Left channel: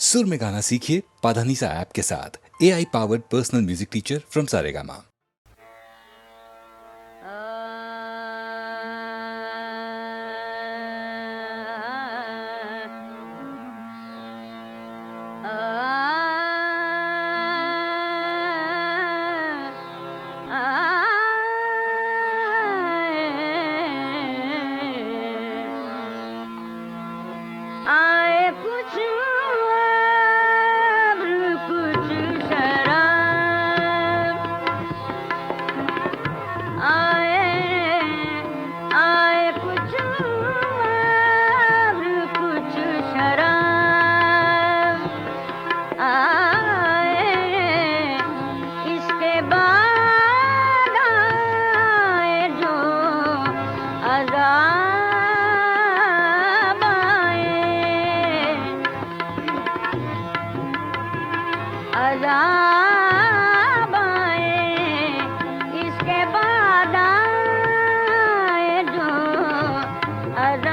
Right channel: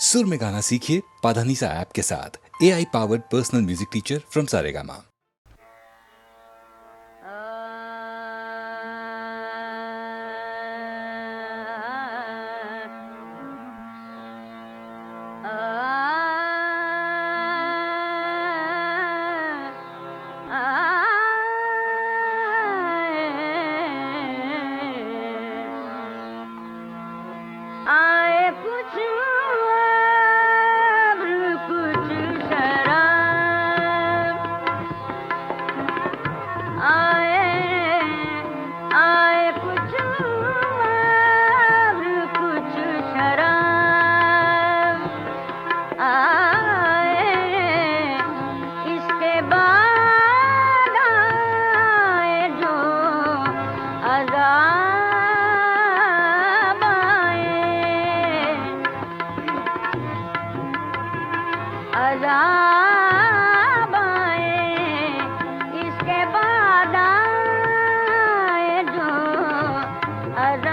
सुर में गाना सीखिए पाधानीसा ऐप के साथ। AI powered personal music teacher from Saregama. आए कुछ अब्र कुछ शराब, आए कुछ अब्र कुछ शराब, आए इसके बाद आए जो अज़ाब, अज़ाब आए इसके बाद आए जो अज़ाब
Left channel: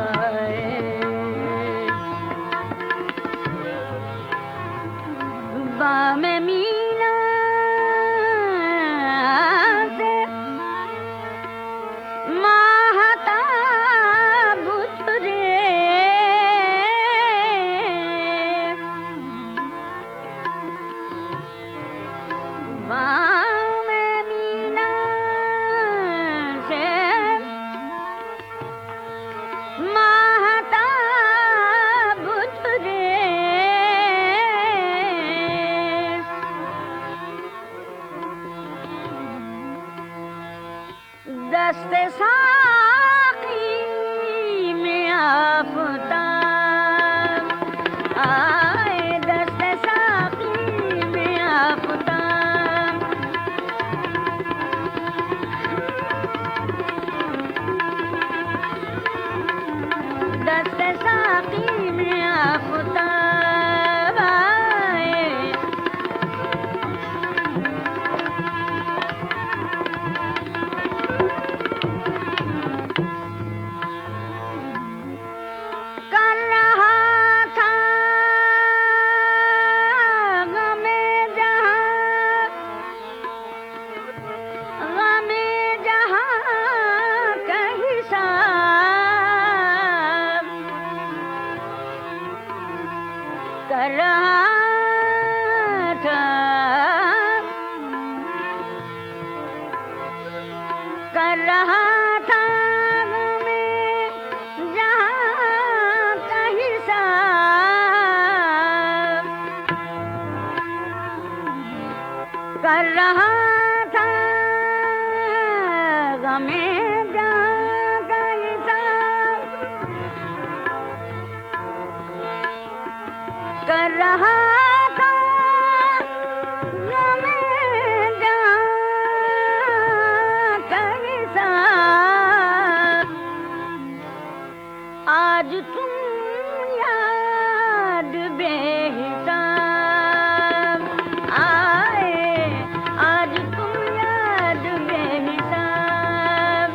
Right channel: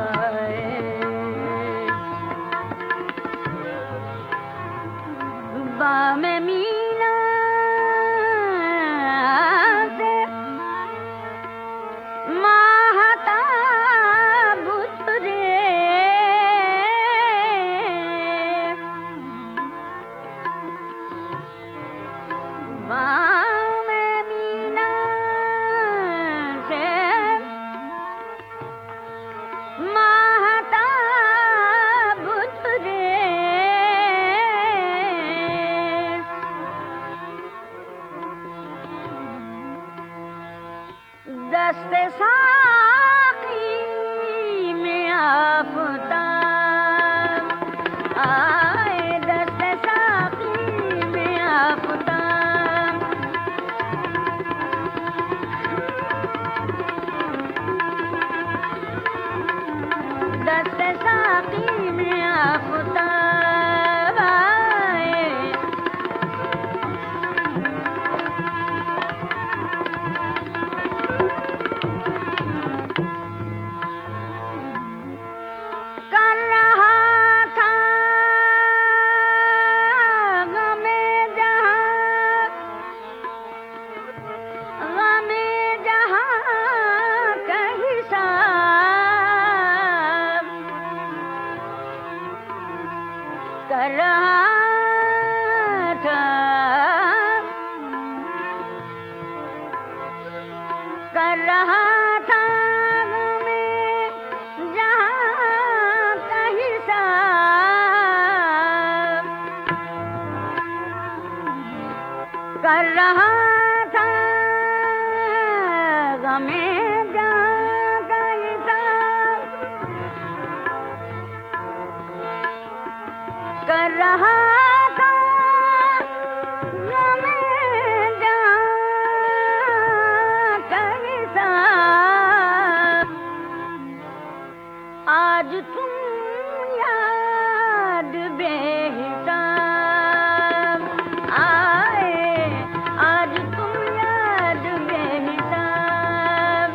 आए। बामे मीना से माहताब उतरे, बामे मीना से माहताब उतरे, दस्ते साक़ी में आफ़ताब आए, दस्ते साक़ी में आफ़ताब, दस्ते साक़ी में आफ़ताब आए। कर रहा था गमे जहाँ का हिसाब, कर रहा था गमे जहाँ का हिसाब, कर रहा था गमे जहाँ का हिसाब, कर रहा था गमे जहाँ का हिसाब। आज तुम याद बेहिसाब आए, आज तुम याद बेहिसाब,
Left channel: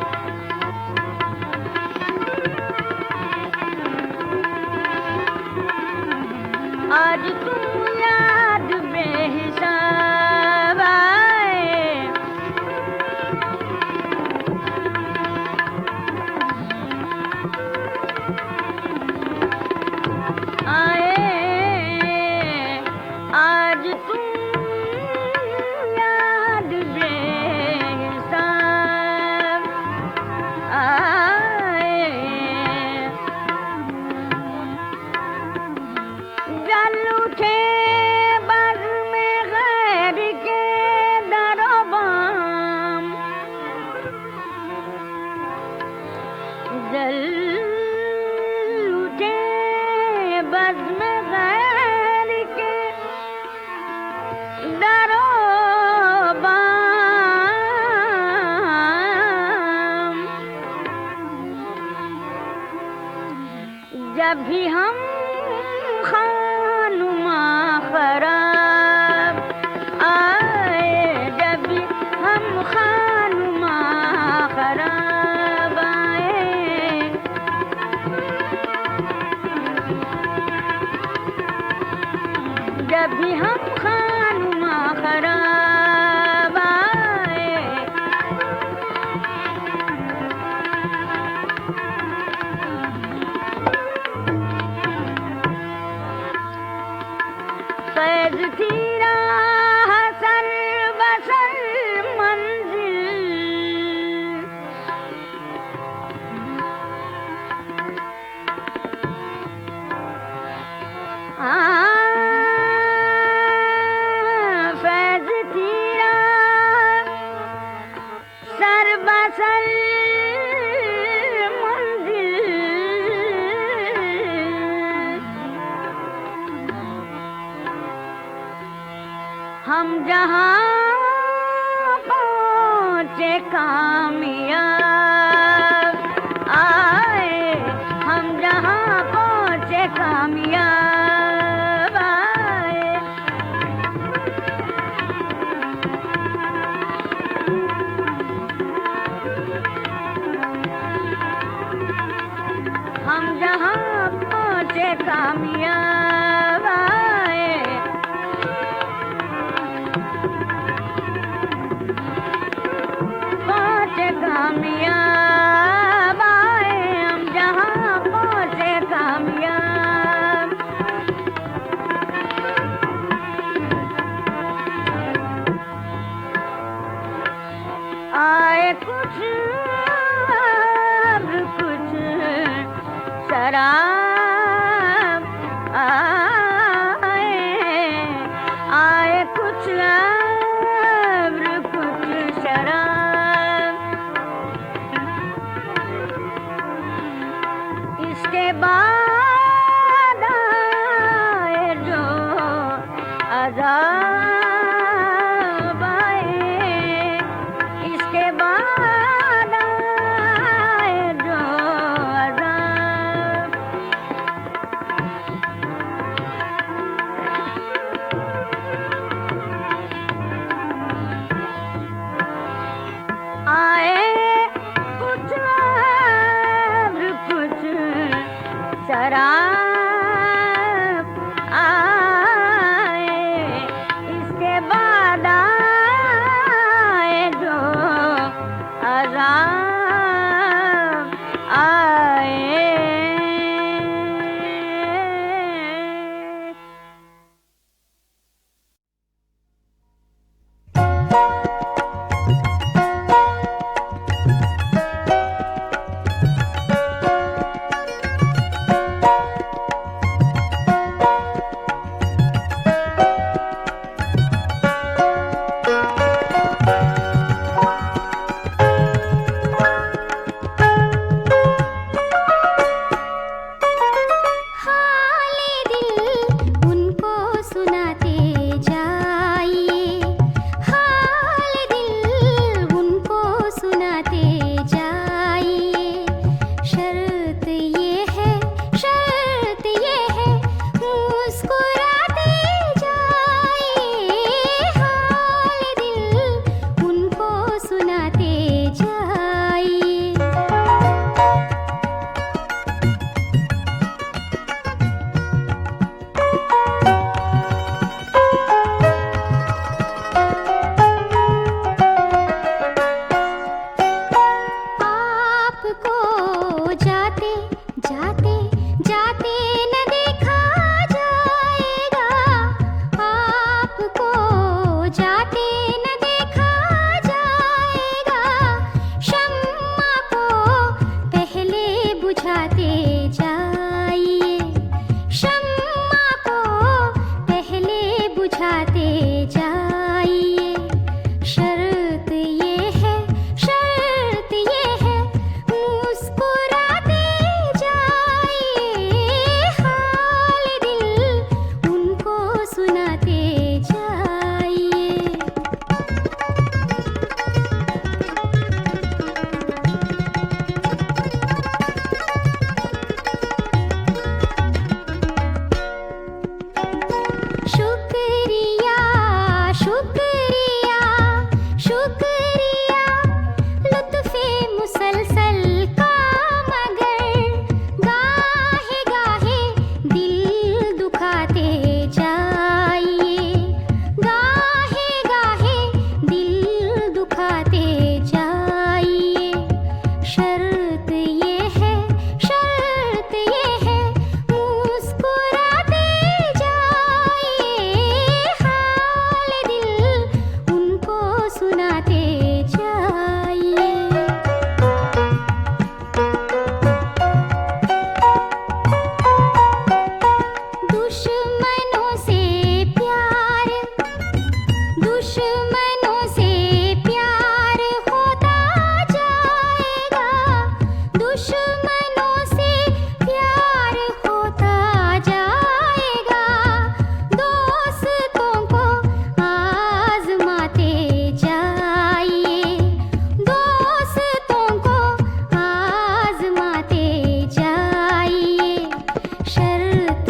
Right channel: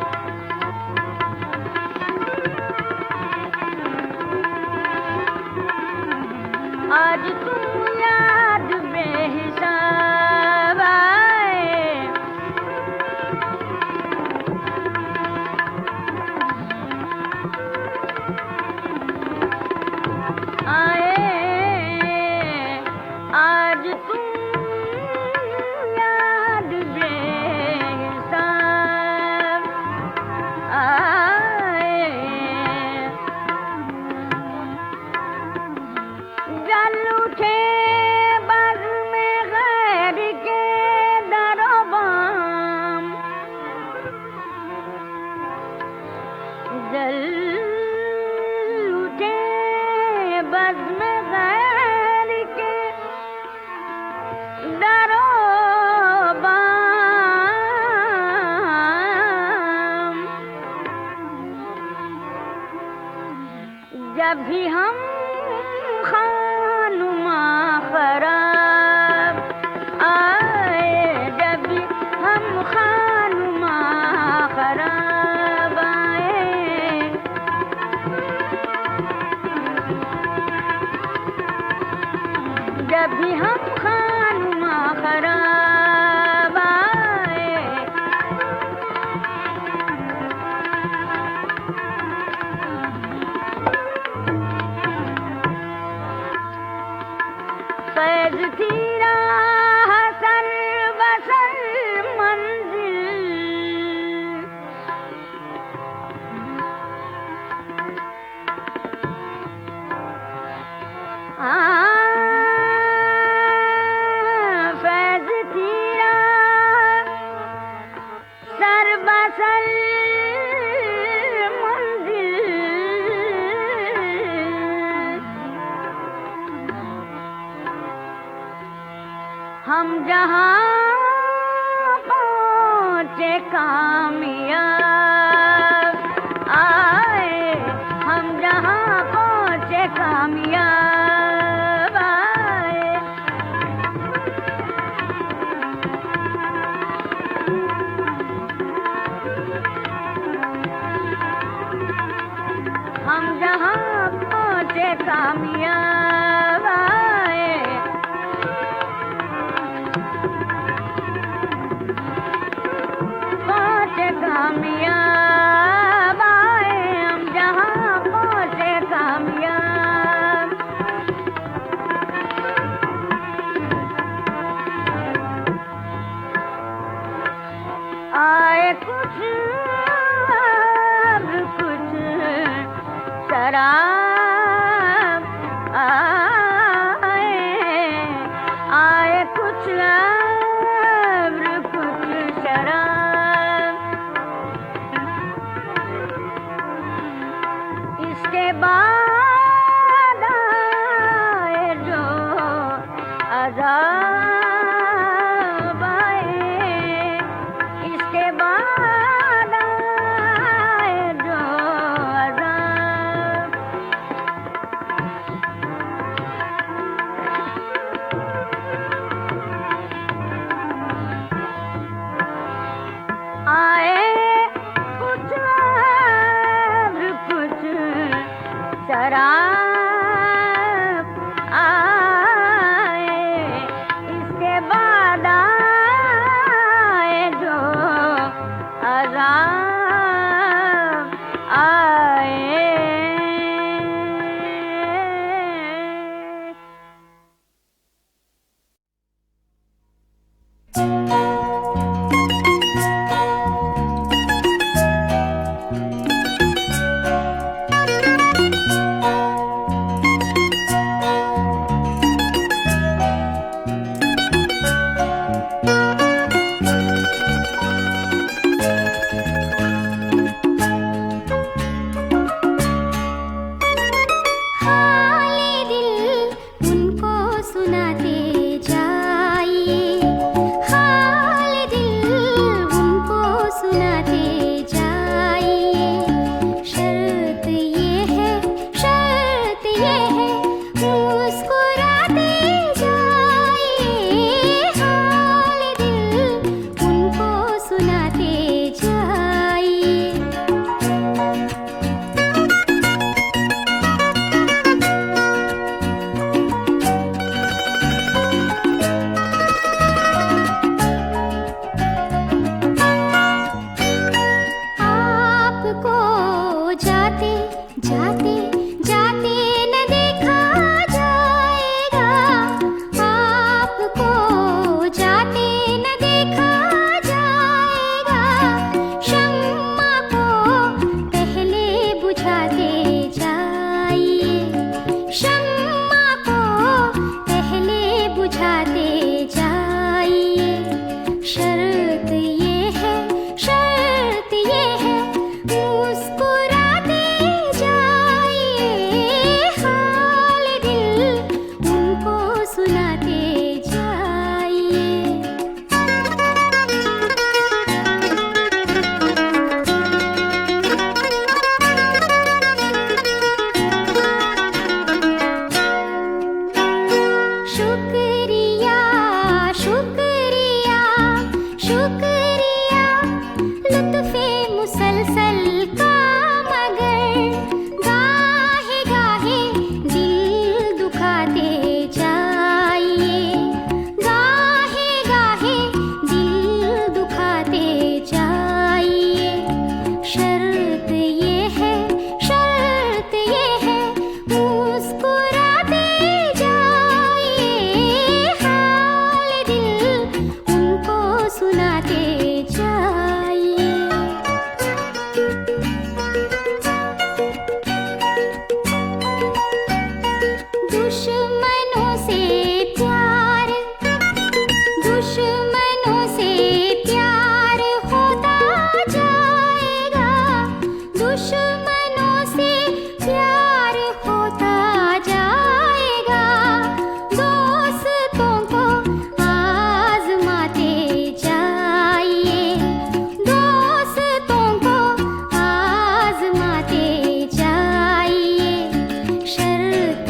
आज तुम याद बेहिसाब आए। आज तुम याद बेहिसाब आए। जल उठे बज़्म गैर के दरोबाम, जल उठे बज़्म गैर के दरोबाम, जब भी हम खानुमा खराब आए, जब भी हम खानुमा खराब आए, भी हम खानुमा खराब आए। फैज़ थी राह सर बसर मंजिल, फैज़ थी राह सर बसर मंजिल, हम जहाँ पहुँचे कामयाब आए, हम जहाँ पहुँचे कामयाब आए। हम जहाँ पहुँचे कामयाब आए। कामयाब आए, हम जहाँ पहुँचे कामयाब। आए कुछ अब कुछ शराब आए, आए कुछ अब कुछ शराब। इसके बाद आए जो अज़ाब आए, इसके बाद आए जो अज़ाब। आए कुछ अब कुछ शराब आए, इसके बाद आए जो अज़ाब आए। जाते जाते जाते न देखा जाएगा,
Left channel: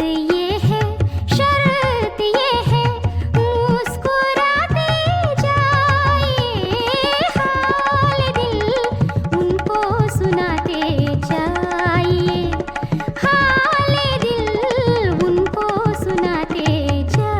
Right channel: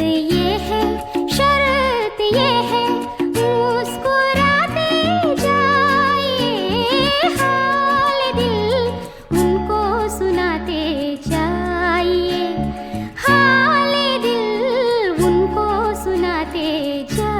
ये है, शर्त ये है, मुस्कुराते जाइए, हाल दिल उनको सुनाते जाइए, हाल दिल उनको सुनाते जाइए।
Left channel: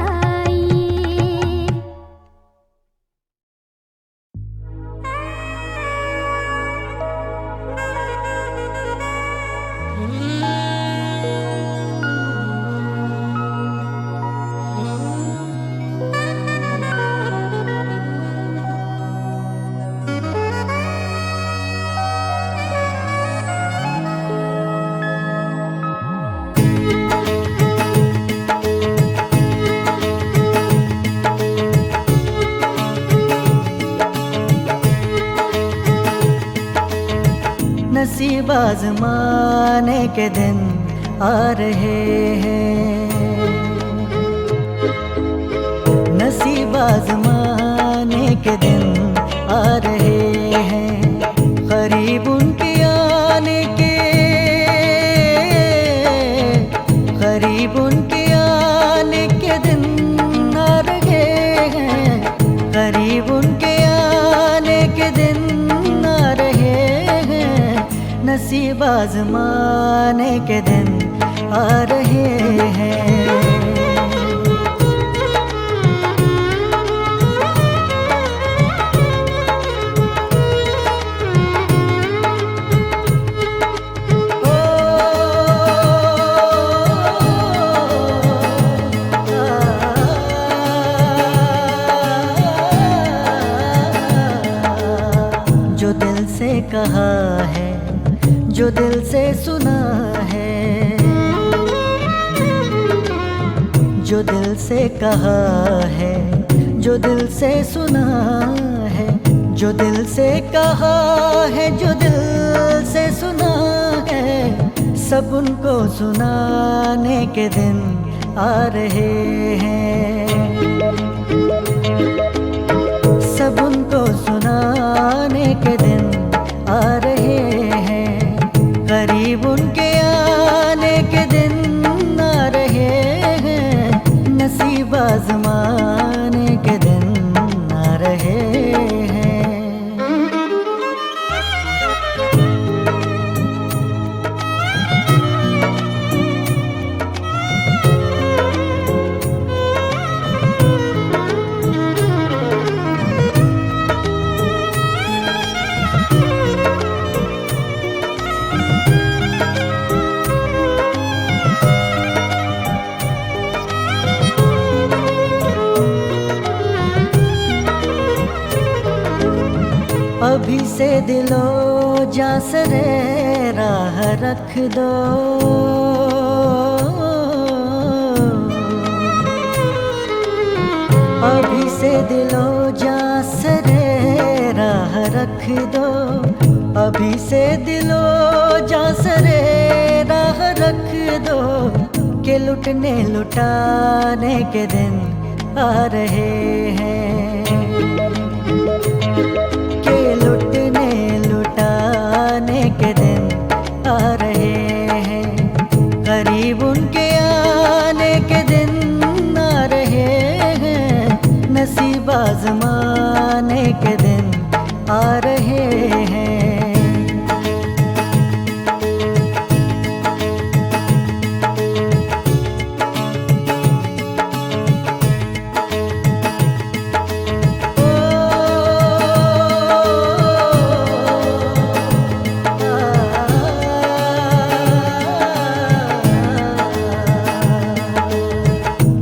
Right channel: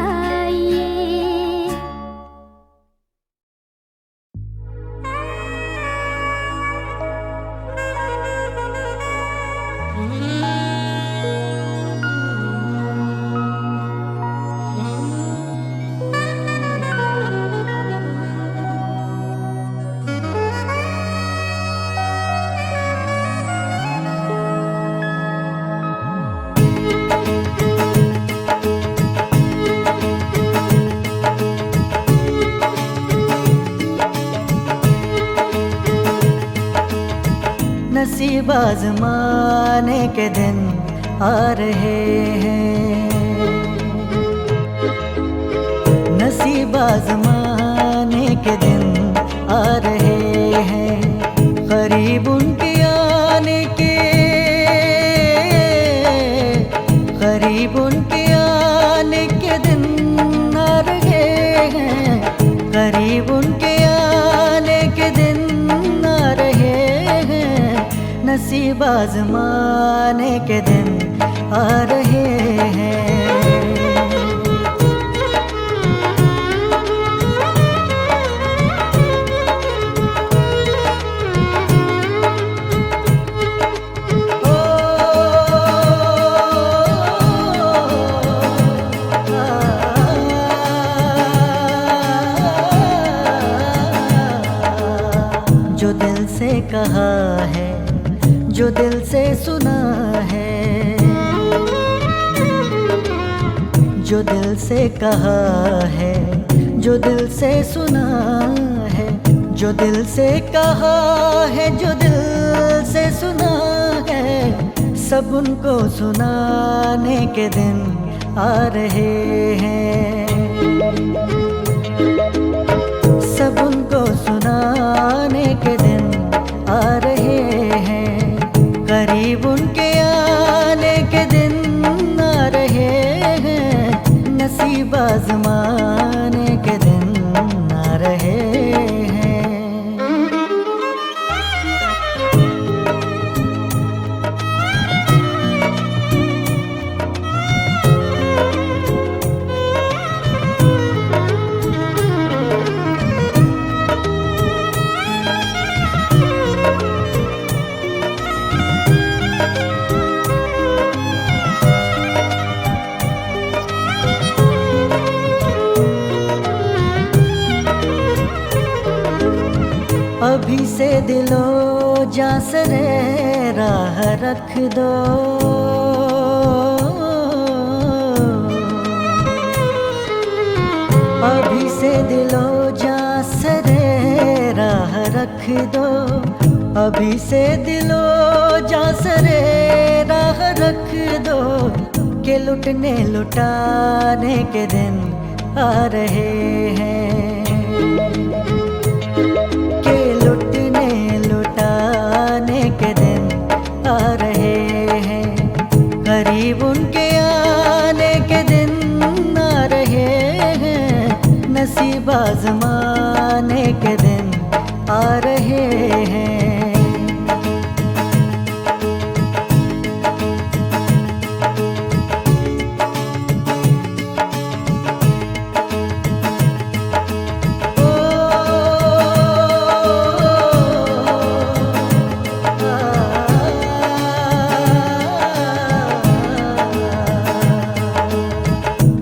नसीब आजमाने के दिन आ रहे हैं, नसीब आजमाने के दिन आ रहे हैं, करीब उनके आने के, करीब उनके आने के दिन आ रहे हैं, करीब उनके आने के दिन आ रहे हैं, नसीब आजमाने के दिन आ रहे हैं। जो दिल से कहा है, जो दिल से सुना है, जो दिल से कहा है, जो दिल से सुना है, जो दिल से कहा है, जो दिल से सुना है, सब उनको सुनाने के दिन आ रहे हैं, सब उनको सुनाने के दिन आ रहे हैं, करीब उनके आने के दिन आ रहे हैं, नसीब आजमाने के दिन आ रहे हैं। अभी से दिलो जां सरे राह रख दो, अभी से दिलो जां सरे राह रख दो, अभी से दिलो जां सरे राह रख दो, के लुटने लुटाने के दिन आ रहे हैं, के लुटने लुटाने के दिन आ रहे हैं, करीब उनके आने के दिन आ रहे हैं, नसीब आजमाने के दिन आ रहे हैं।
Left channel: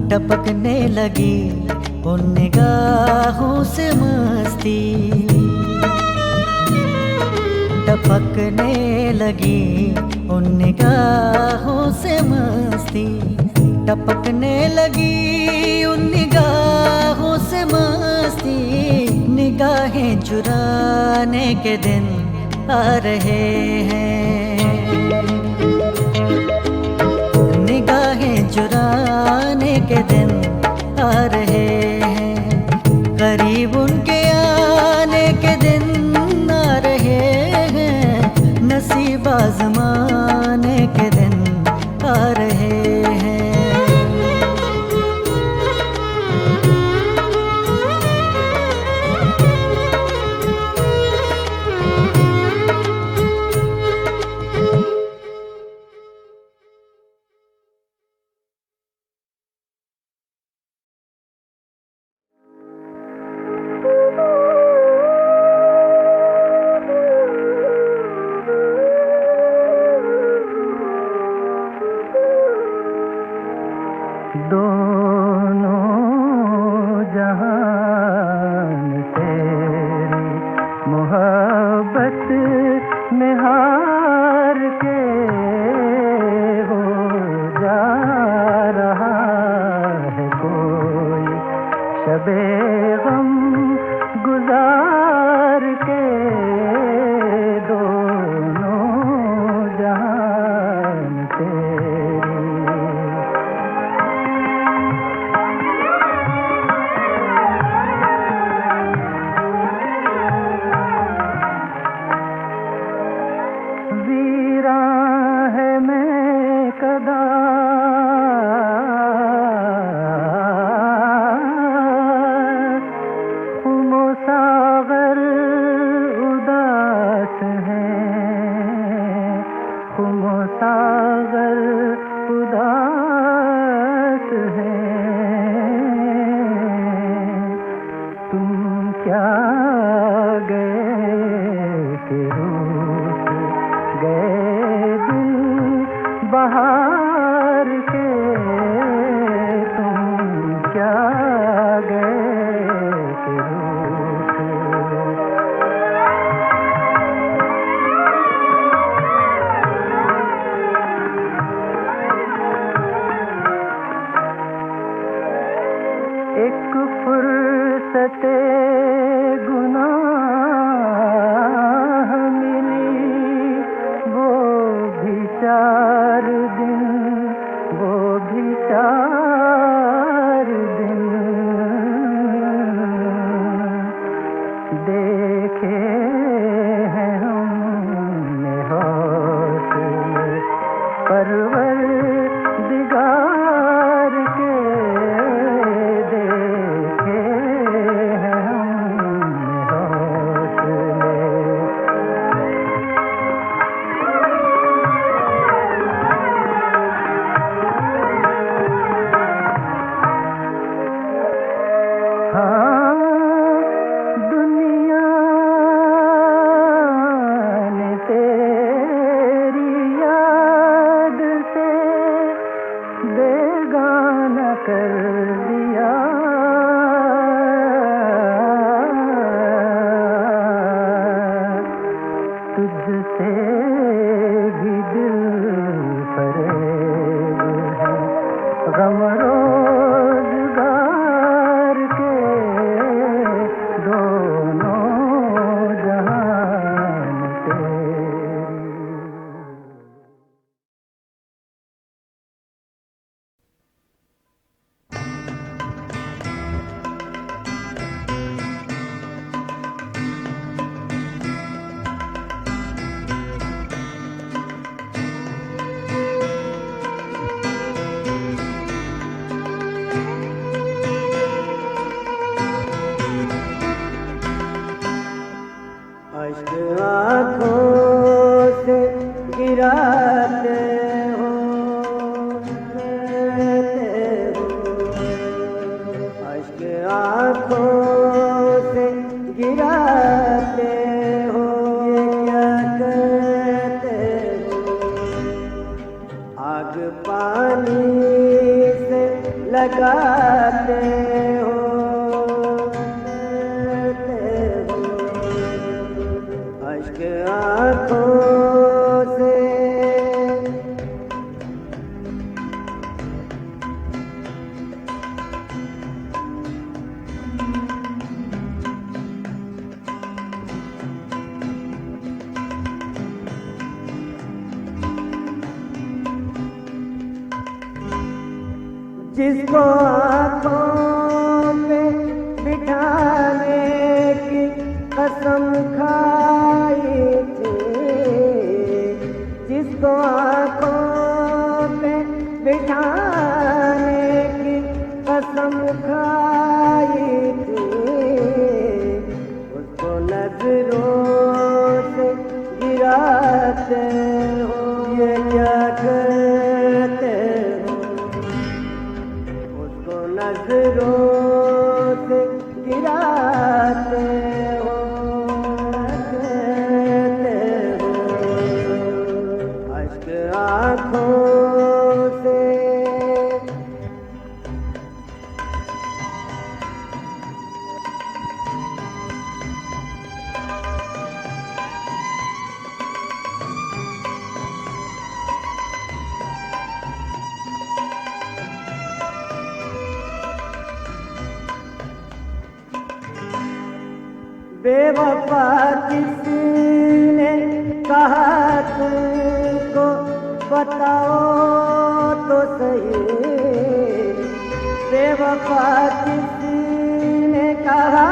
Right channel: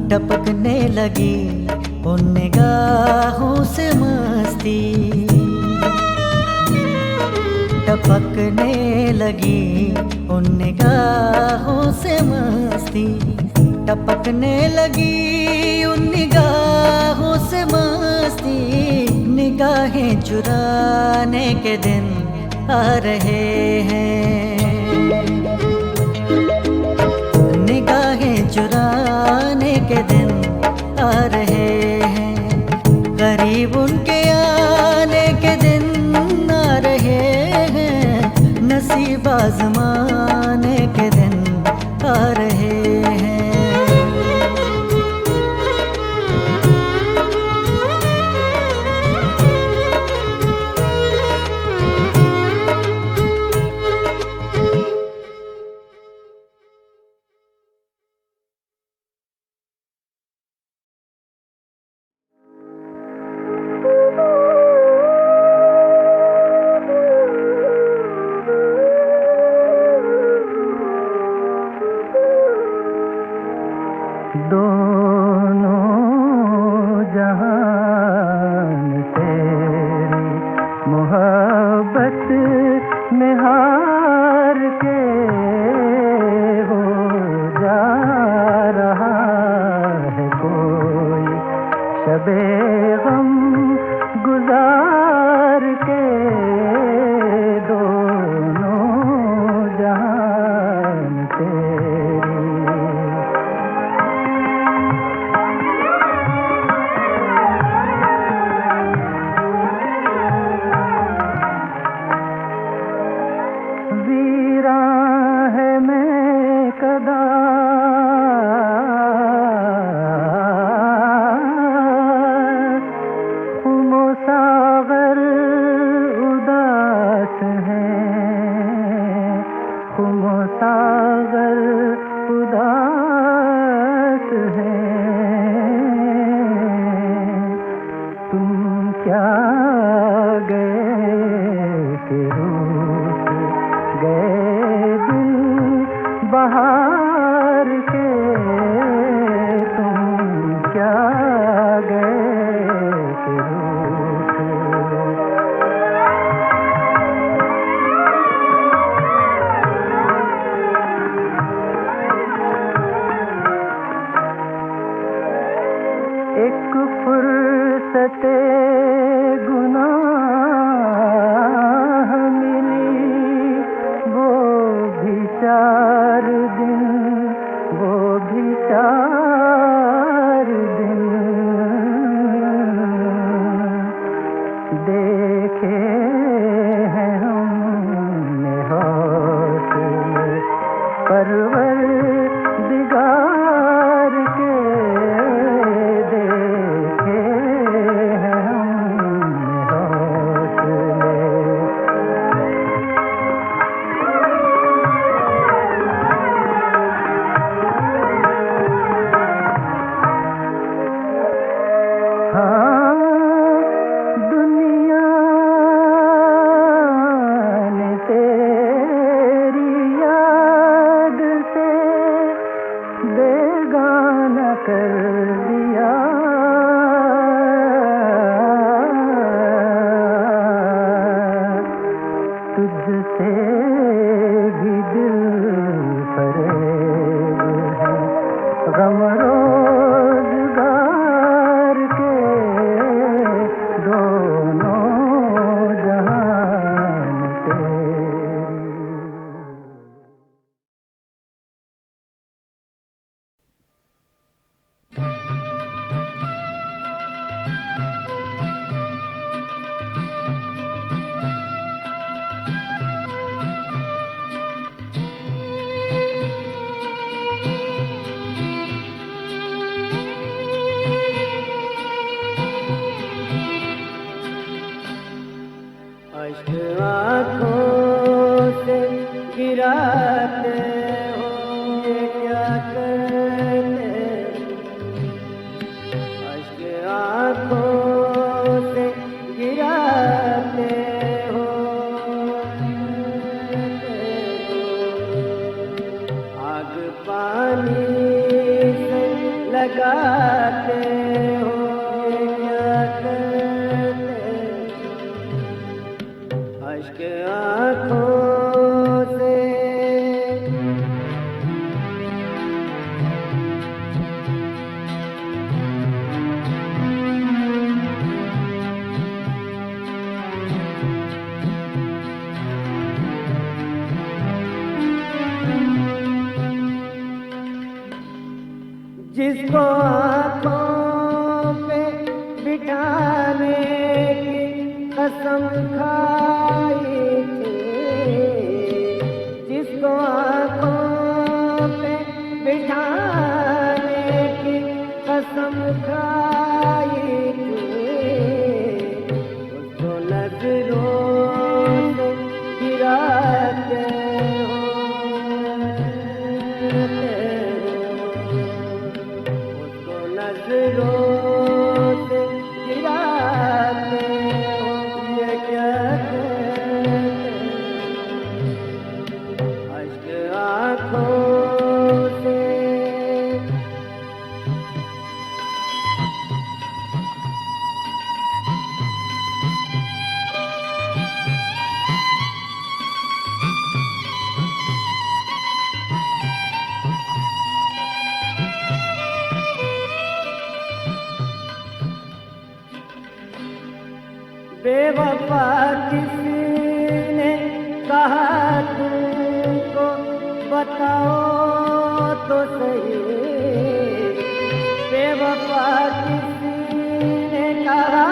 टपकने लगी उन निगाहों से मस्ती, टपकने लगी उन निगाहों से मस्ती, टपकने लगी उन निगाहों से मस्ती, निगाहें चुराने के दिन आ रहे हैं, निगाहें चुराने के दिन आ रहे हैं, करीब उनके आने के दिन आ रहे हैं, नसीब आजमाने के दिन आ रहे हैं। दोनों जहान तेरी मोहब्बत में हार के हो जा रहा है कोई शबे गम गुजार के दोनों जहान तेरी। वीरां है मैं कदा हुमो सागर उदास है, हुमो सागर उदास है। तुम क्या गए कि रूठ गए दिल बहार के, तुम क्या गए कि रूठ। एक फुर्सते गुनाह मिली, वो भी 4 दिन, वो भी 4 दिन। देखे हैं हमने हौसले परवरदिगार के, देखे हैं हमने हौसले। हाँ, दुनिया ने तेरी याद से बेगाना कर दिया। तुझसे भी दिल फरेब है, गम रोजगार के दोनों जहान तेरी। आँखों से गिराते हो क्या कहते हो, अश्क आँखों से गिराते हो क्या कहते हो। आग पानी से लगाते हो क्या कहते हो, अश्क आँखों से। जिसको आँखों में बिठाने की कसम खाई थी, जिसको आँखों में बिठाने की कसम खाई थी, उसको नजरों से गिराते हो ये क्या कहते हो। उसको नजरों बेवफा किसी ने कहा तुमको बताओ तो सही, बेवफा किसी ने कहा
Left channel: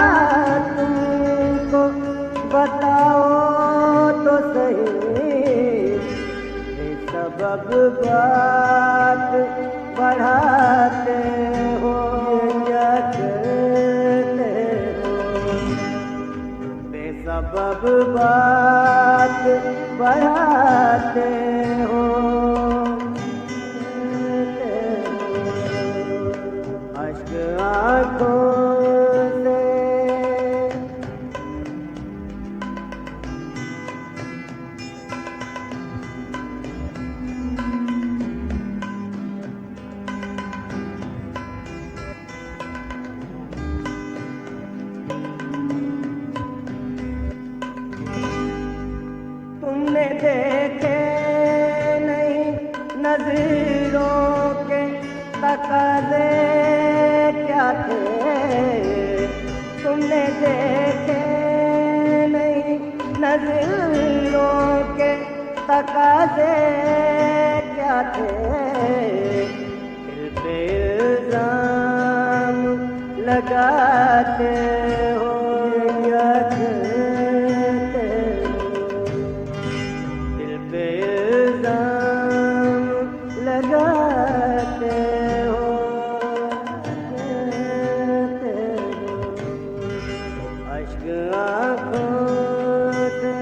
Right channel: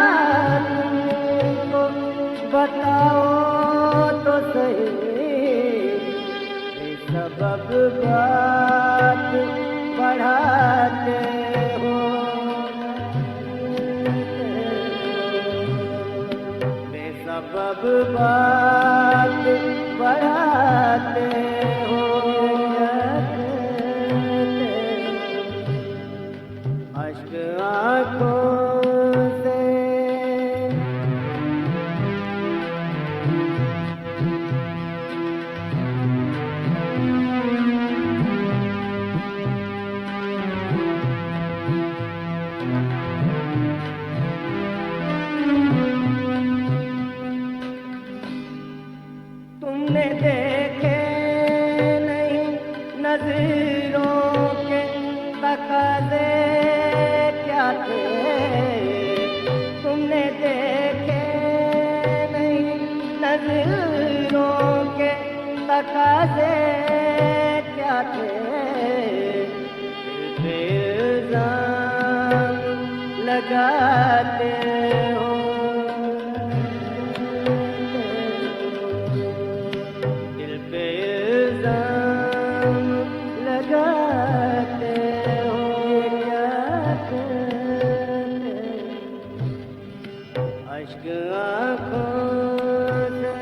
तुमको बताओ तो सही, सबब बात बढ़ाते हो या कहते हो, बेसबब बात बढ़ाते हो या कहते हो, अश्क आंखों से तुमने देखे नहीं नजरों के तकाज़े क्या थे, तुमने देखे नहीं नजरों के तकाज़े क्या थे, दिल पे इल्ज़ाम लगाते हो या कहते हो, दिल पे इल्ज़ाम लगाते हो या कहते हो, अश्क आंखों से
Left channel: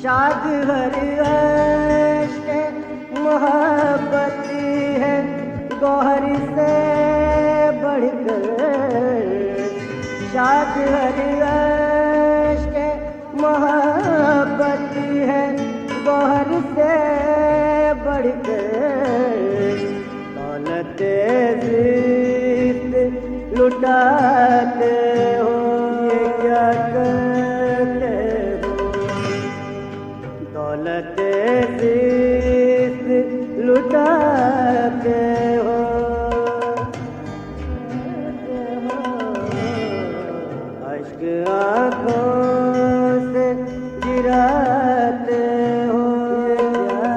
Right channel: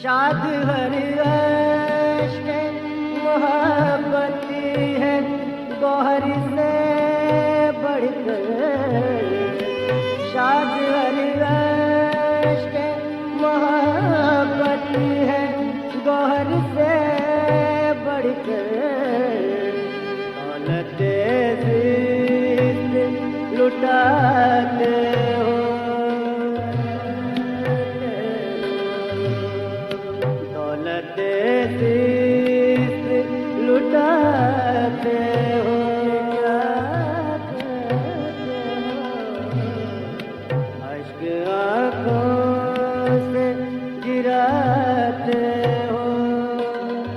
शाद हर अश्क मोहब्बती है गौहर से बढ़कर, शाद हर अश्क मोहब्बती है गौहर से बढ़कर, दौलत ज़िस्त लुटाते हो या कहते हो, दौलत ज़िस्त लुटाते हो या कहते हो, अश्क आंखों से गिराते हो या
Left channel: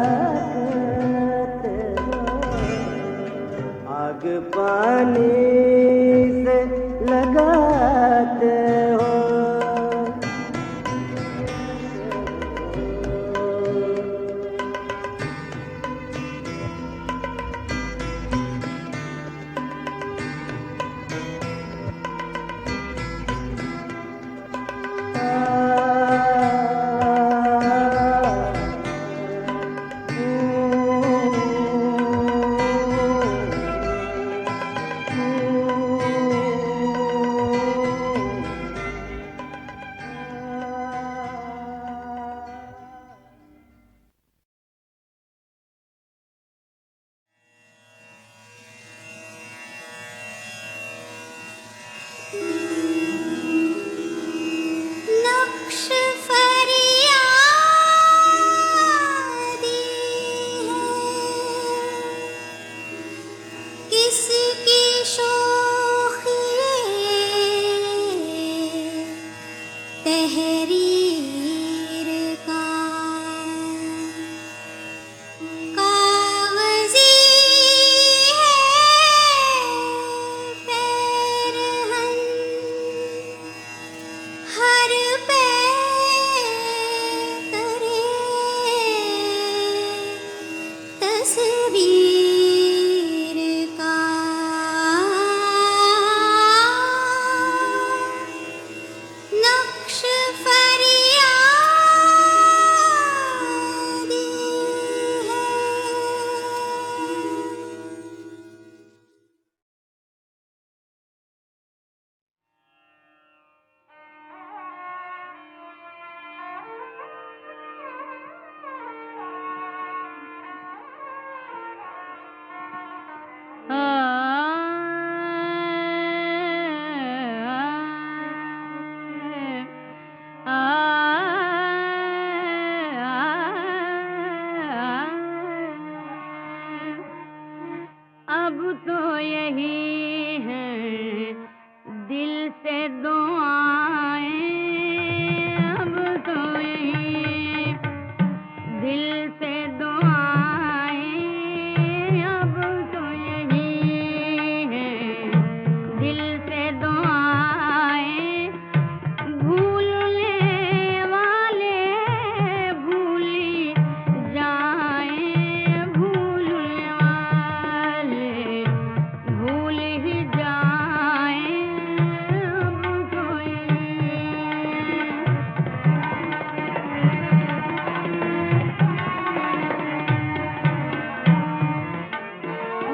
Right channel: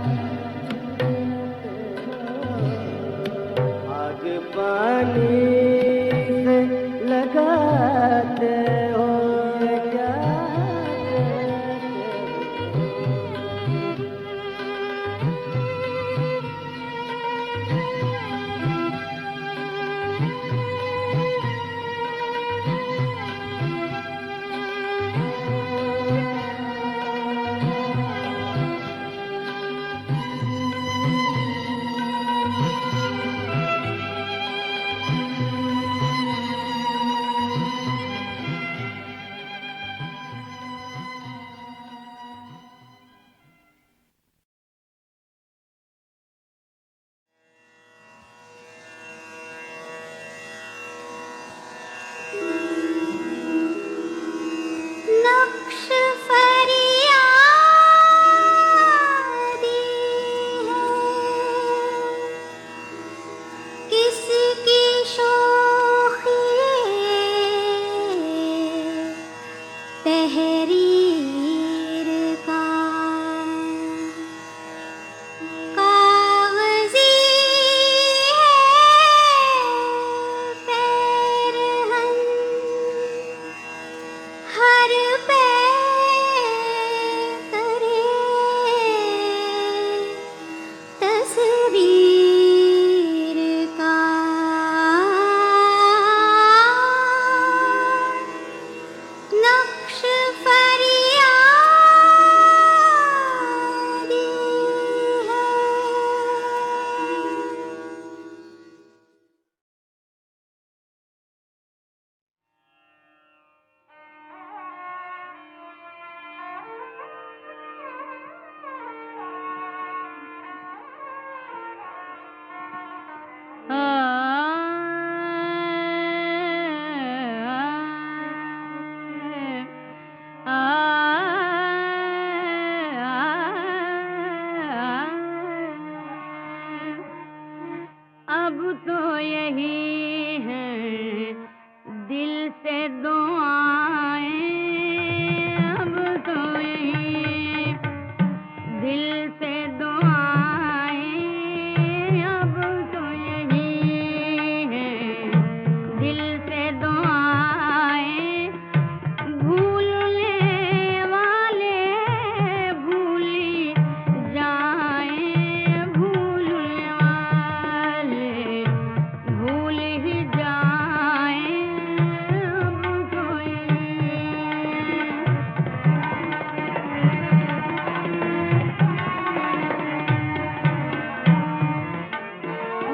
कहते हो, आग पानी से लगाते हो या कहते हो,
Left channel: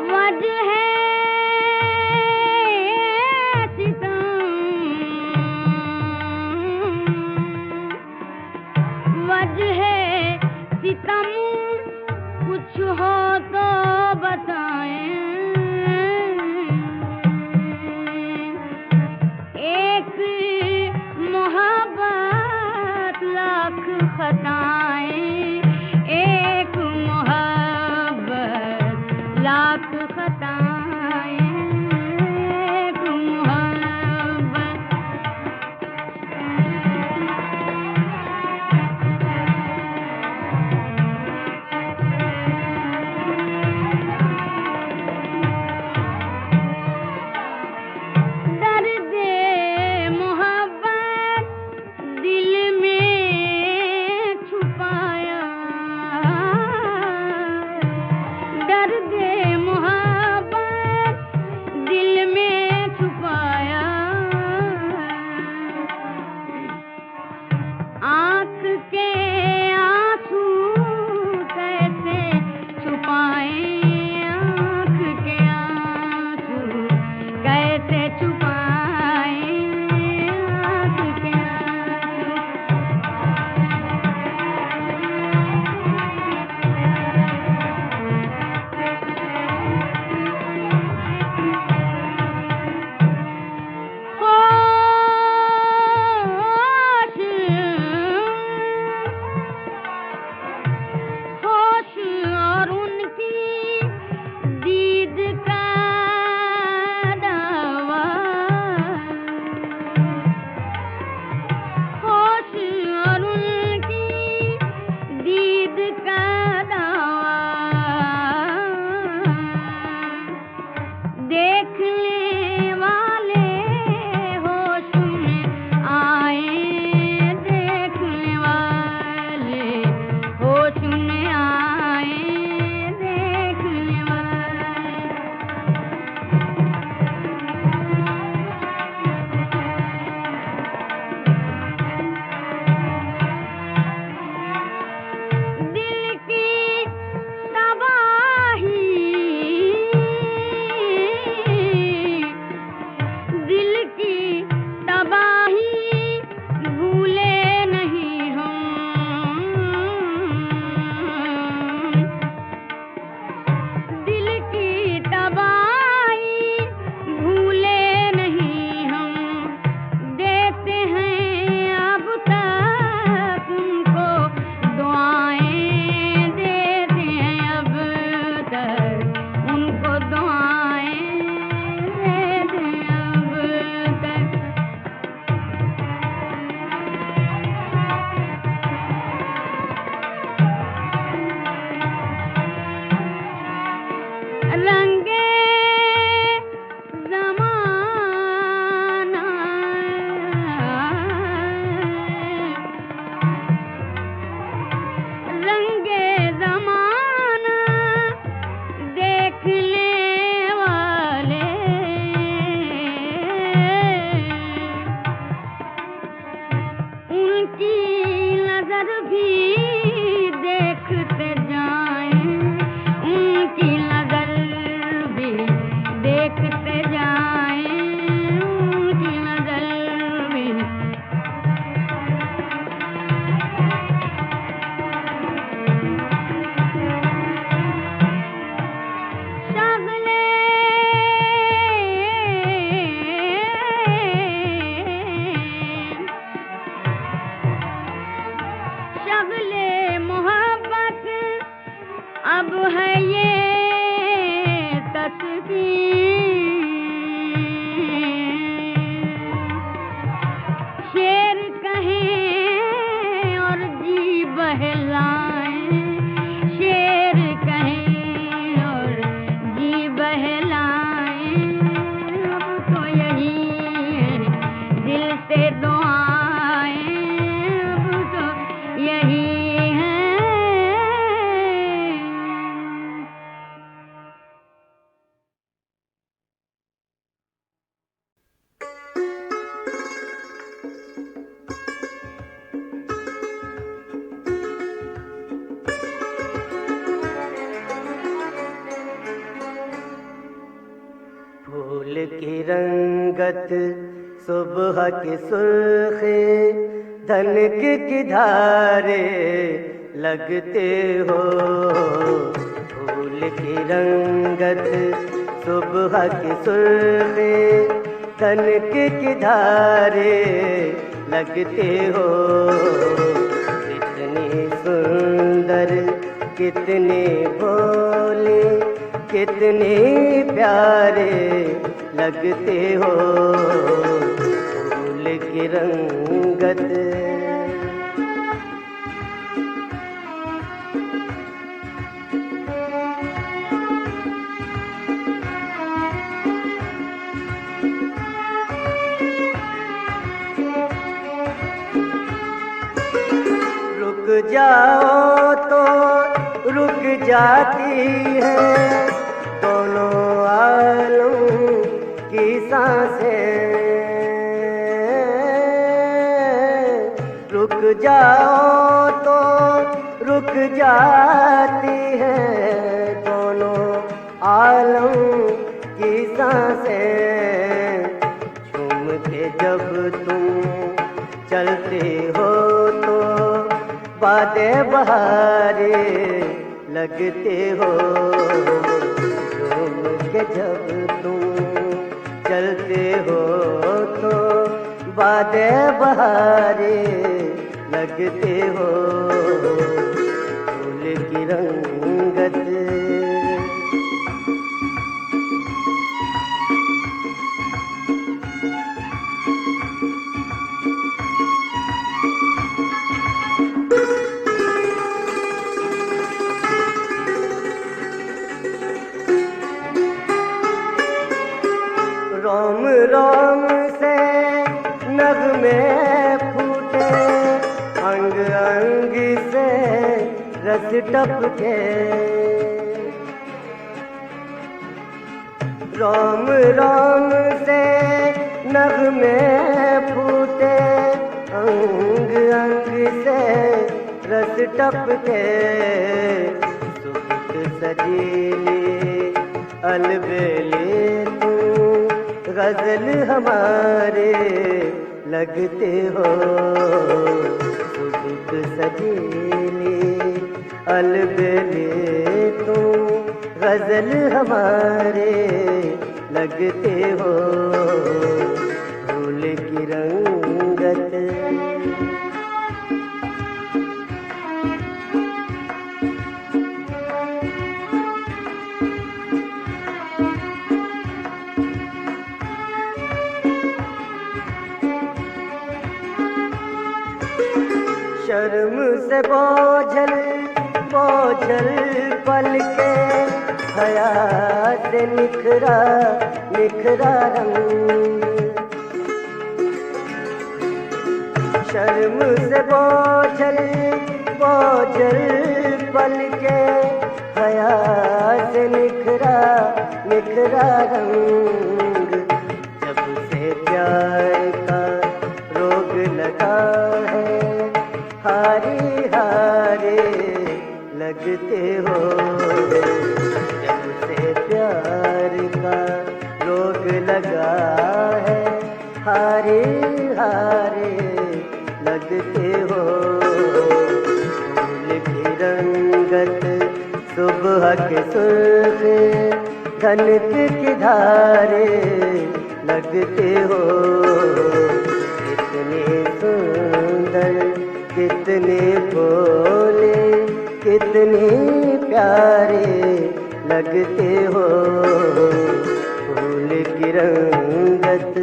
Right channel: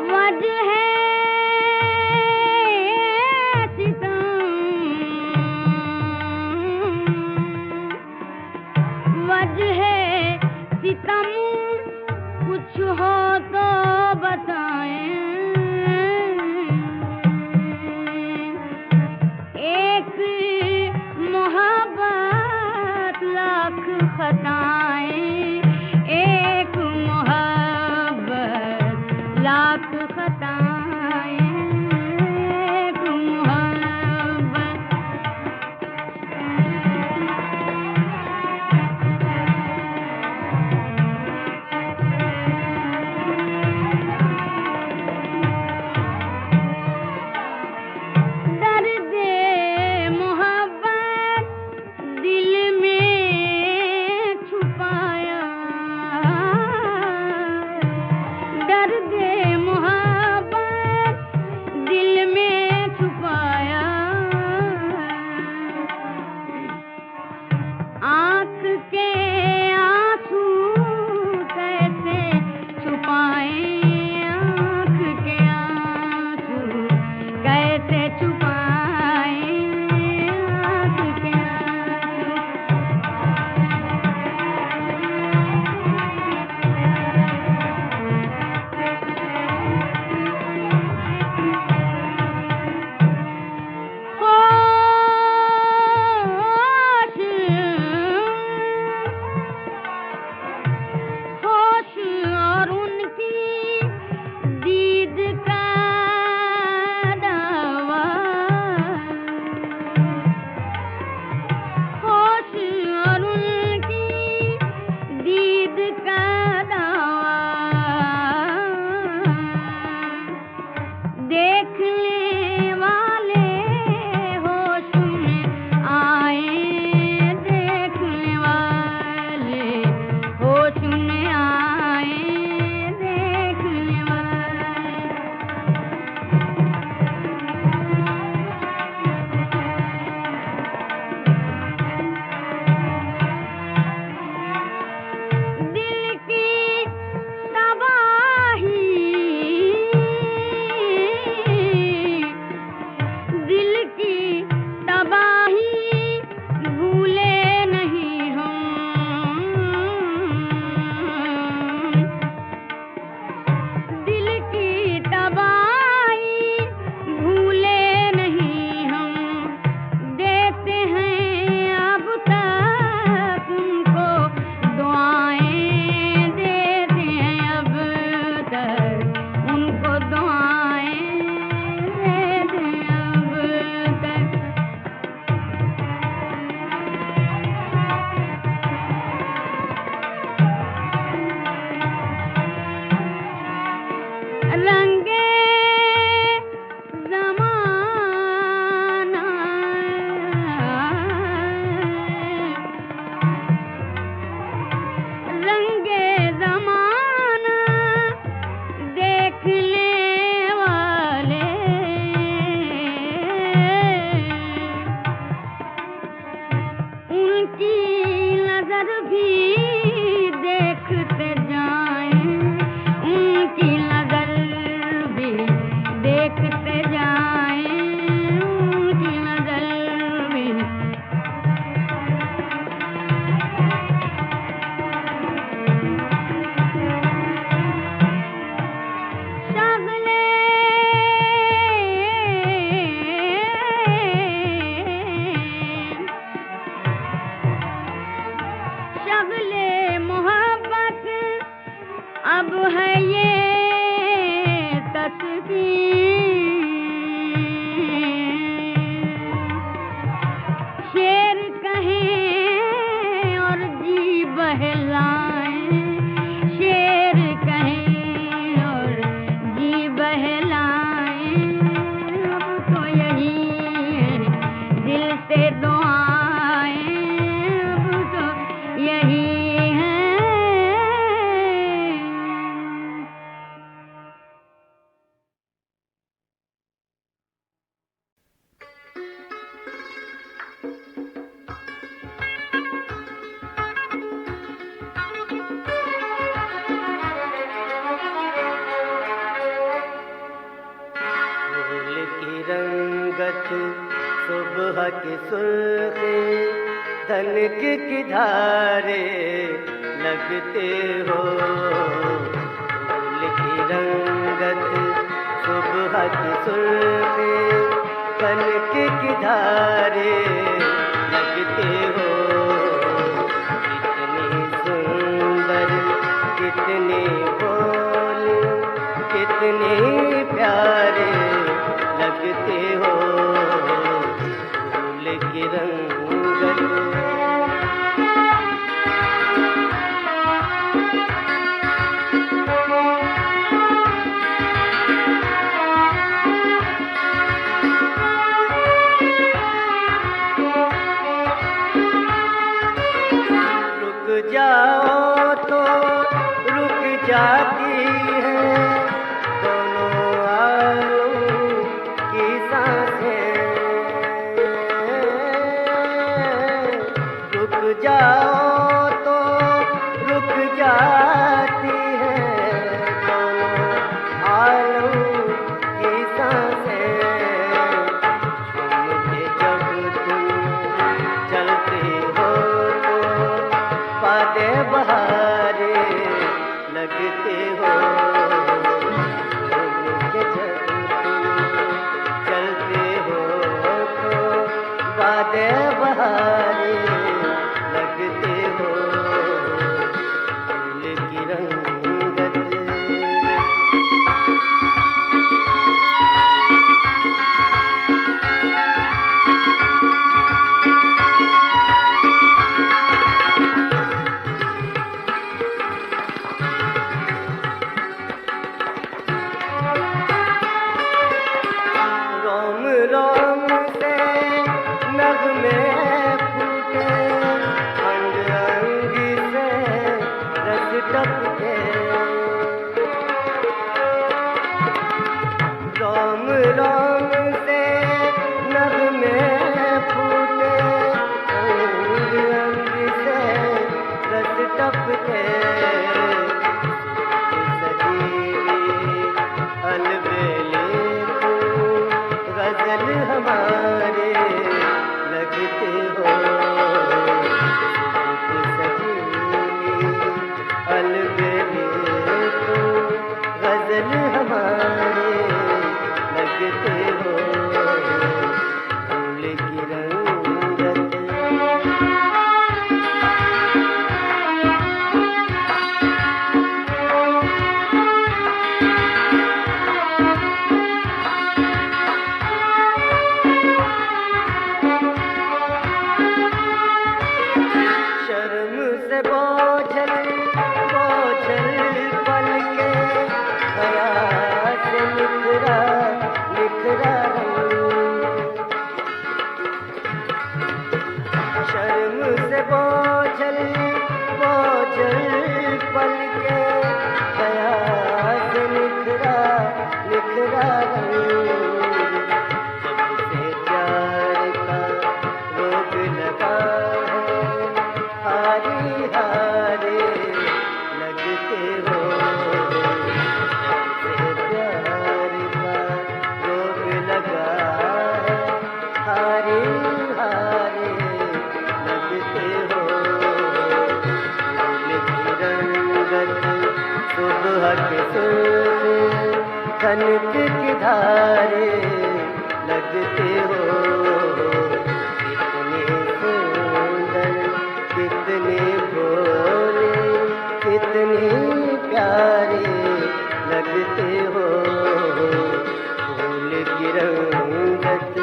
वजह सितम, वजह सितम कुछ हो तो बताएं। एक मोहब्बत लाख खताएं, एक मोहब्बत लाख खताएं, एक मोहब्बत। दर्दे मोहब्बत दिल में छुपाया, दर्दे मोहब्बत दिल में छुपाया। आँख के आंसू कैसे छुपाएं, आँख के आंसू कैसे छुपाएं, आँख के आंसू। होश और उनकी दीद का दावा, होश और उनकी दीद का दावा। देखने वाले होश में आए, देखने वाले होश में आए, देखने वाले। दिल की तबाही, दिल की तबाही भूले नहीं हम, दिल की तबाही भूले नहीं हम। देते हैं अब तक उनको दुआएं, देते हैं अब तक उनको दुआएं, देते हैं अब तक। रंगे ज़माना, रंगे ज़माना देखने वाले, उनकी नजर भी देखते जाएं, उनकी नजर भी देखते जाएं, उनकी नजर भी। शगले शगले मोहब्बत अब है ये तस्वीर। शेर कहें और जी बहलाएं, शेर कहें और जी बहलाएं। अब तो यही है दिल से दुआएं, अब तो यही है। रंगत सुबह की सुर्खी धनक की धारे लगते हो। फूल की रंगत सुबह की सुर्खी धनक की धारे लगते हो। कितनी सुंदर कितनी भोली कितने प्यारे लगते हो। फूल की रंगत रुक जाओ तो रुक जाती है दोनों आलम की सांसें। रुक जाओ तो रुक जाती है दोनों आलम की सांसें। झूमते जब तुम चलते हो तो बादे बहारे लगते हो। झूमते जब तुम चलते हो तो बादे बहारे लगते हो। फूल की रंगत रोम रोम से नगमे फूटे अंग अंग से रस टपके। रोम रोम से नगमे फूटे अंग अंग से रस टपके। सजीली अलबेले गजल हमारे लगते हो। सजीली अलबेले तुम गजल हमारे लगते हो। फूल की रंगत शर्म से बोझल बोझल पल के हया से निखरा निखरा रंग। शर्म से बोझल बोझल पल के हया से निखरा निखरा रंग। जब से प्यार का रोग लगा है हारे हारे लगते हो। जब से प्यार का रोग लगा है हारे हारे लगते हो। फूल की रंगत सुबह के सुर्खी धनक की धारे लगते हो। कितने सुंदर कितने भोले कितने प्यारे लगते हो। फूल की रंगत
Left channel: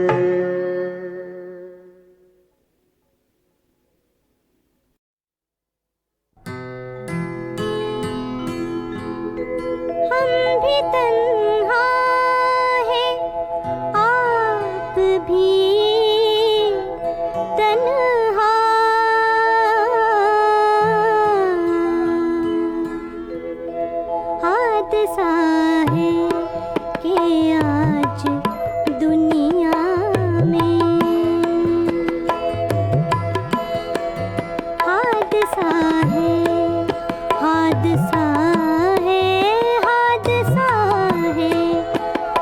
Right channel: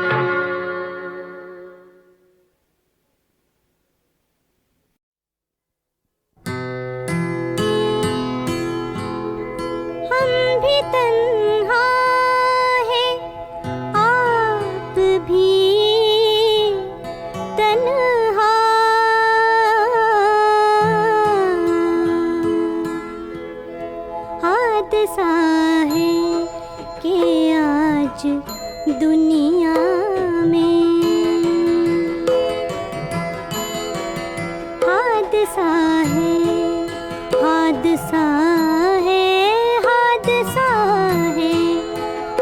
हम भी तन्हा हैं, आप भी तन्हा। हादसा है कि आज दुनिया में हादसा है हादसा है हादसा है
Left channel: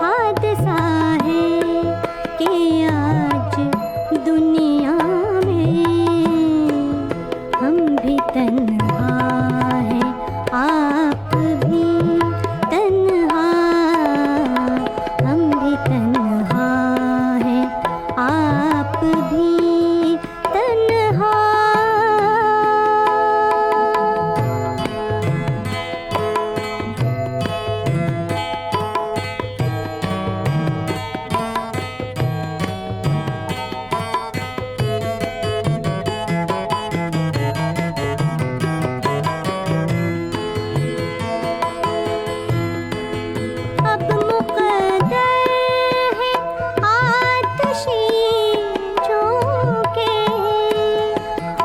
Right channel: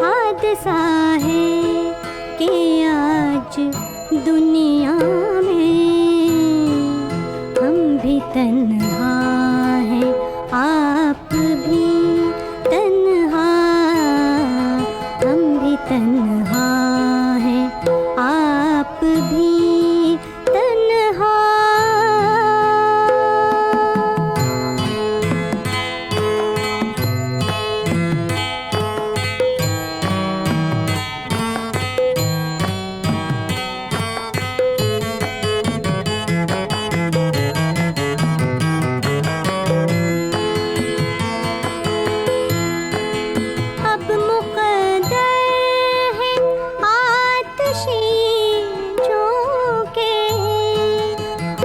हादसा है कि तन्हा हैं, आप भी तन्हा, हम भी तन्हा हैं, आप भी तन्हा। अब मुक़द्दर है आतिशी झोंके,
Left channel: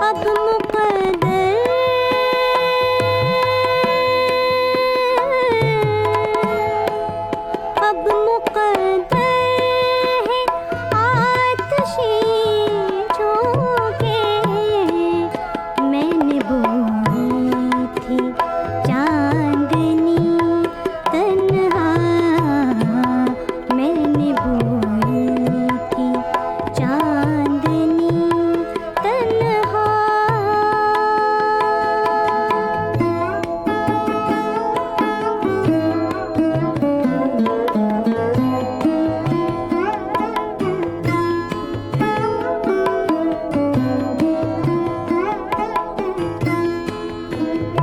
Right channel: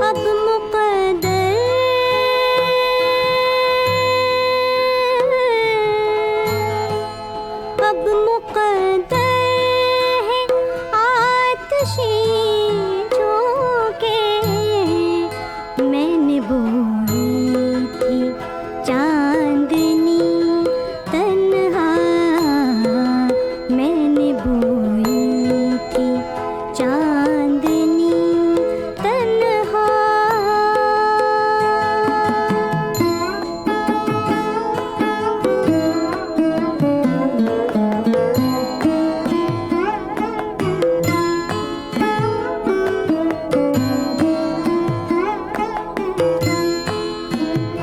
अब मुक़द्दर, अब मुक़द्दर है आतिशी झोंके। मैंने बोई थी चांदनी तन्हा, मैंने बोई थी चांदनी तन्हा।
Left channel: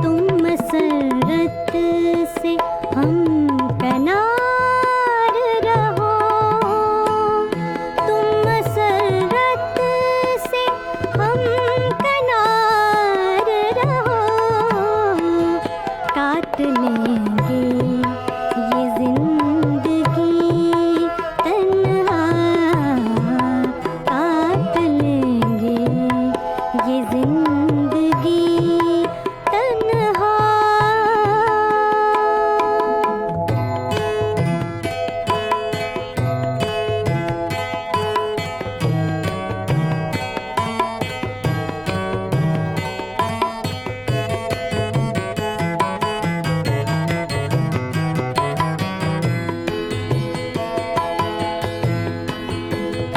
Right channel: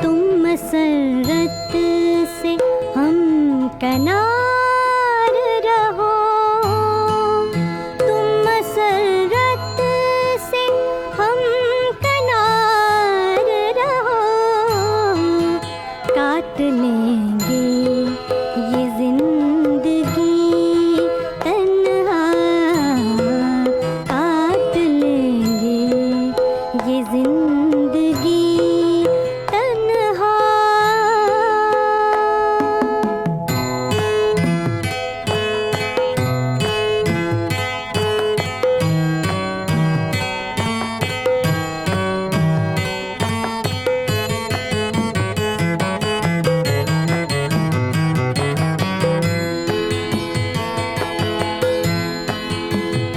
तुम मसरत से हम कनार रहो, तुम मसरत से हम कनार रहो। काट लेंगे ये जिंदगी तन्हा, काट लेंगे ये जिंदगी तन्हा।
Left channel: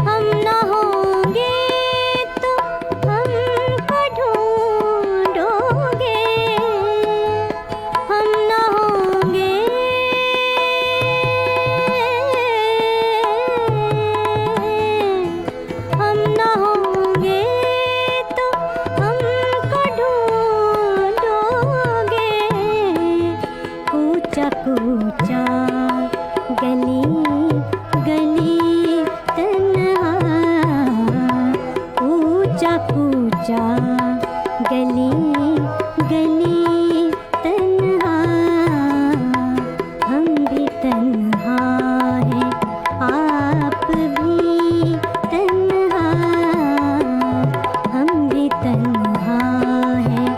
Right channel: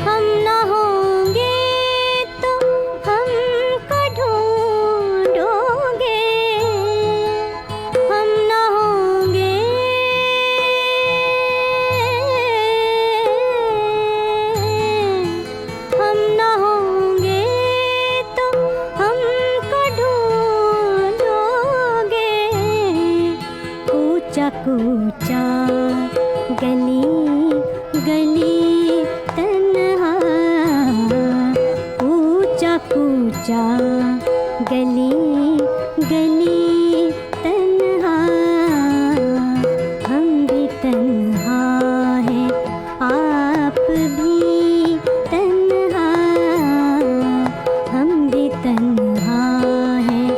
हम न होंगे तो हमको ढूंढोगे, हम न होंगे, हम न होंगे तो हमको ढूंढोगे। कूचा कूचा गली गली तन्हा, कूचा कूचा गली गली तन्हा। हम भी तन्हा हैं, आप भी तन्हा, हम भी तन्हा हैं,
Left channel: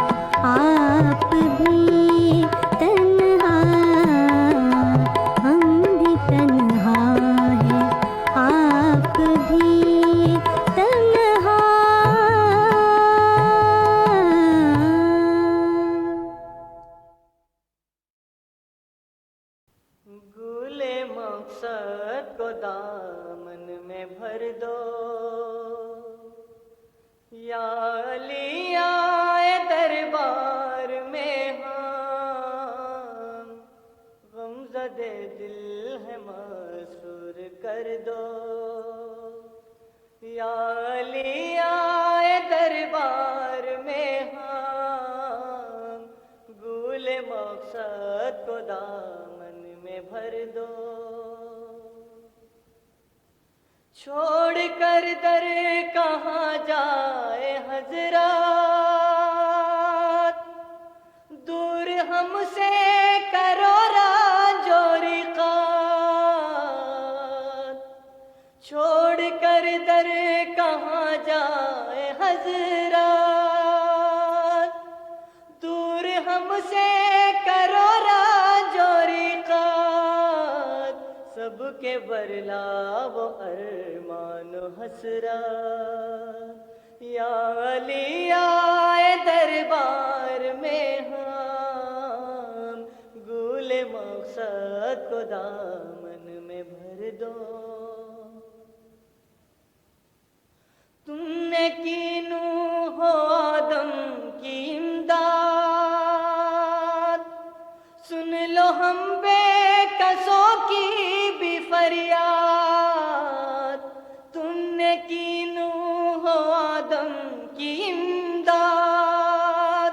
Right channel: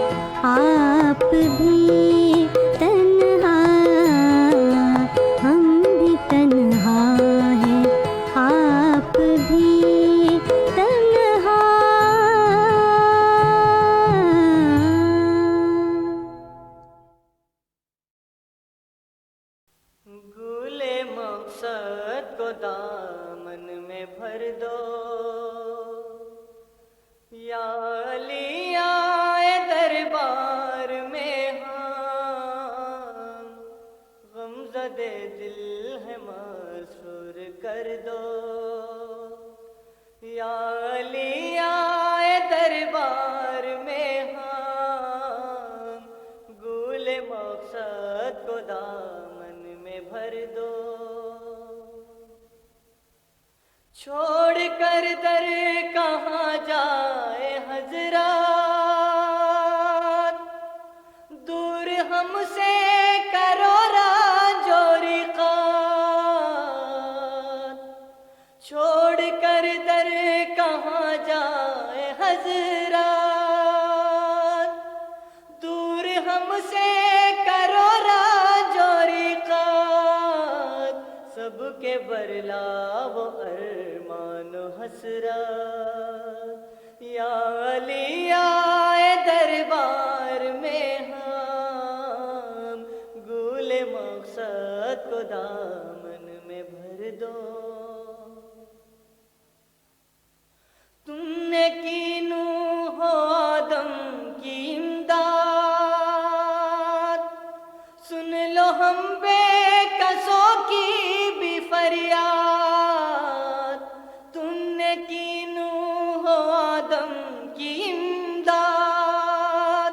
आप भी तन्हा, हम भी तन्हा हैं, आप भी तन्हा। भूले मकसद को दामन में भर दो, या अली आए दरबार में हम, गमज़दे दिल है मासूर कर दो। या अली आए दरबार में हम, गूले मकसद को दामन में भर दो। छोड़ कर दर कहाँ जाए हजरत, दूर हमसे करो राजोरी क़ात। छोड़ कर दर कहाँ जाए हजरत, दूर हमसे करो राजोरी क़ात। सबके बरलावो अरमान हसरत, या अली आए दरबार में हम, गूले मकसद को दामन में भर दो। तुमने कीनू हो आदम की इमदाद, फरियाद, तुमने की नूह आदम की इमदाद,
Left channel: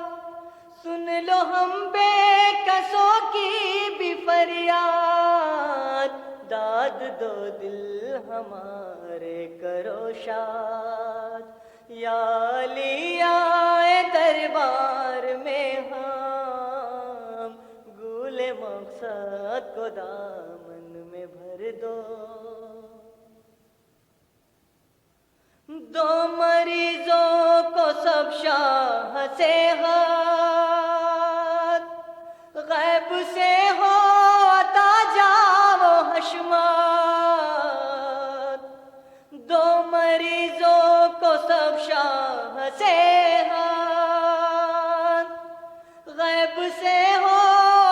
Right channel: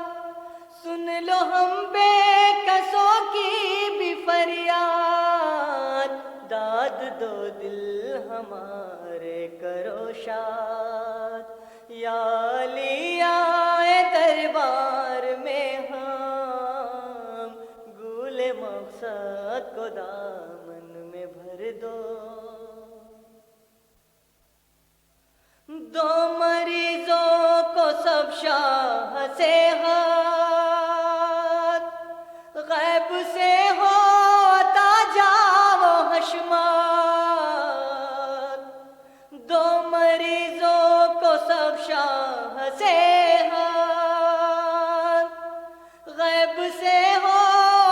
सुन लो हम बेकसों की भी फरियाद, दाद दो दिल हमारे करो शाद। या अली आए दरबार में हम, गूले मकसद को दामन में भर दो। दो मरीजों को सब शाह से हाथ, गैब से हो अता जाओ हशमात। दो मरीजों को सब शाह से हाथ, गैब से हो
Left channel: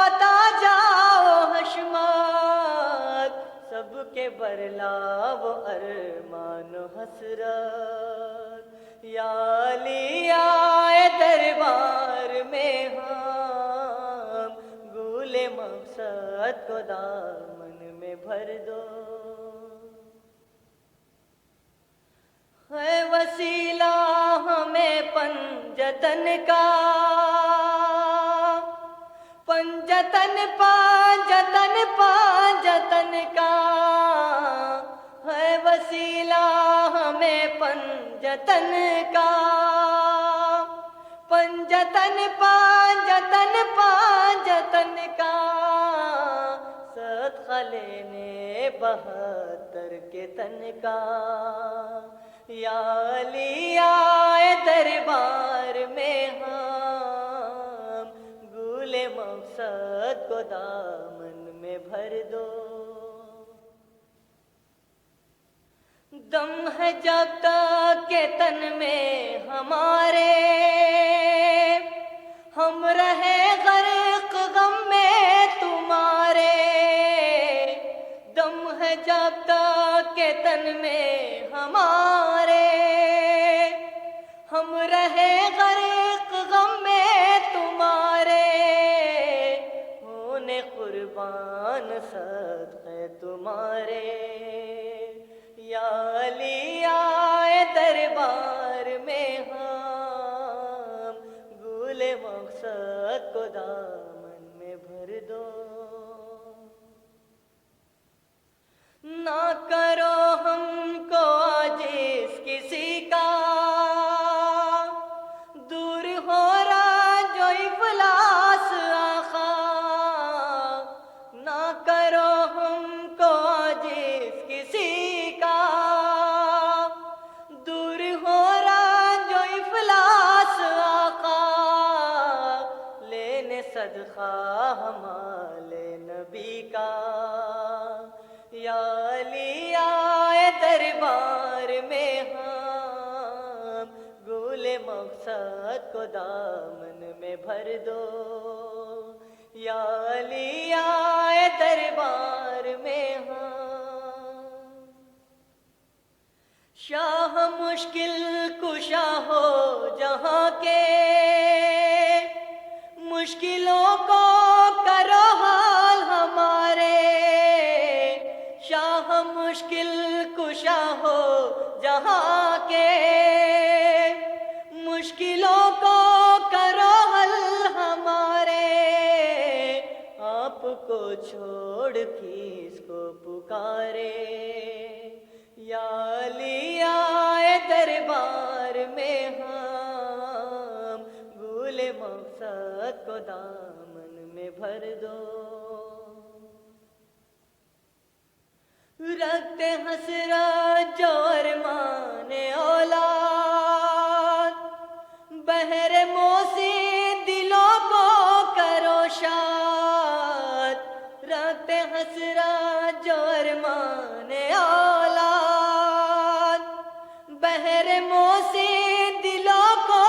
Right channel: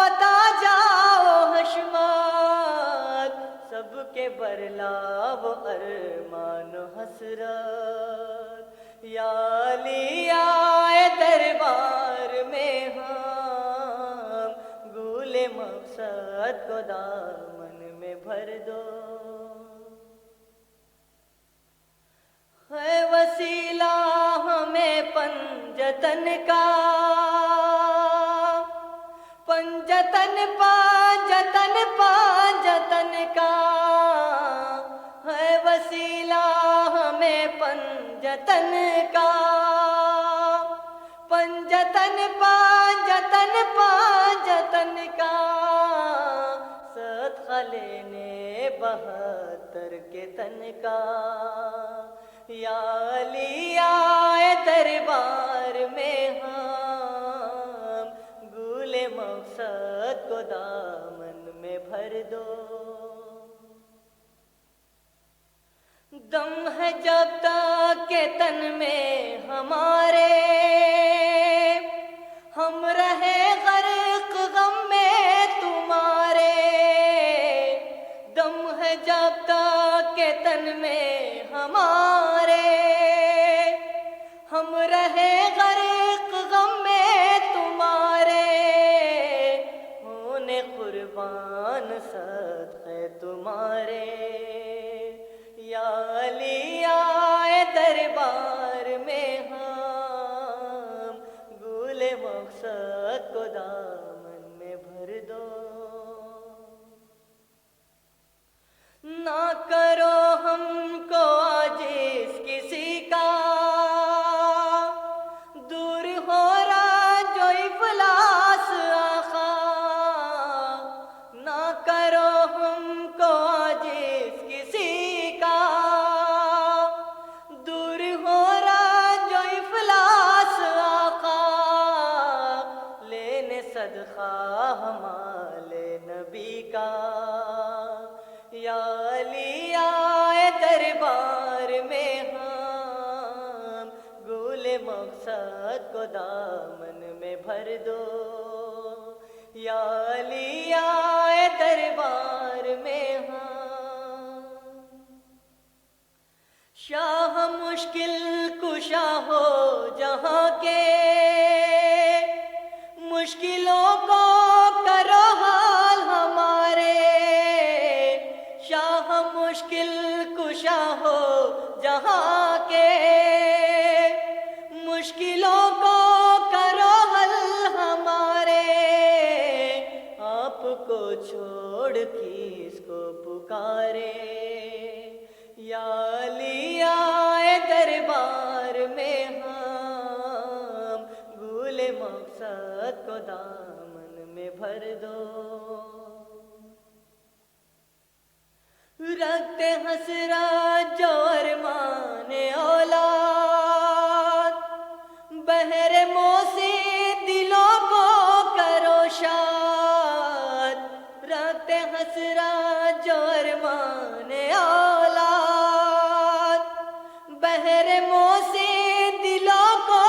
अता जाओ हशमात। सबके बरलाव अरमान हसरत, या अली आए दरबार में हम, गूले मकसद को दामन में भर दो। है वसीला हमें पंजतन का, पंजतन पांजतन पांजतन का। है वसीला हमें पंजतन का, पंजतन पांजतन पांजतन का। सदका लेने 72 के तन का। या अली आए दरबार में हम, गूले मकसद को दामन में भर दो। दम है जब तक के तन में हमारे, हम रहे गर्क गम में तुम्हारे। दम है जब तक के तन में हमारे, हम रहे गर्क गम में तुम्हारे। होने कुर्बान सद है तुम्हारे। या अली आए दरबार में हम, गूले मकसद को दामन में भर दो। ना करो हमको आजिज़ किसी का, दूर हो रहा जो इफलास आखा। ना करो हमको आजिज़ किसी का, दूर हो रहा जो इफलास आका। लेने सदका हमारे नबी का। या अली आए दरबार में हम, गूले मकसद को दामन में भर दो। या अली आए दरबार में हम, शाह मुश्किल कुशा हो जहाँ के। मुश्किलों को करो हाल हमारे। शाह मुश्किल कुशा हो जहाँ के। मुश्किलों को करो हल हमारे। आपको छोड़ किसको पुकारे। या अली आए दरबार में हम, गूले मकसद को दामन में भर दो। रखते हसरा जो अरमान औलाद, बहरे मोसी दिलों को करो शाद। रखते हसरा जो अरमान औलाद, बहरे मोसी दिलों को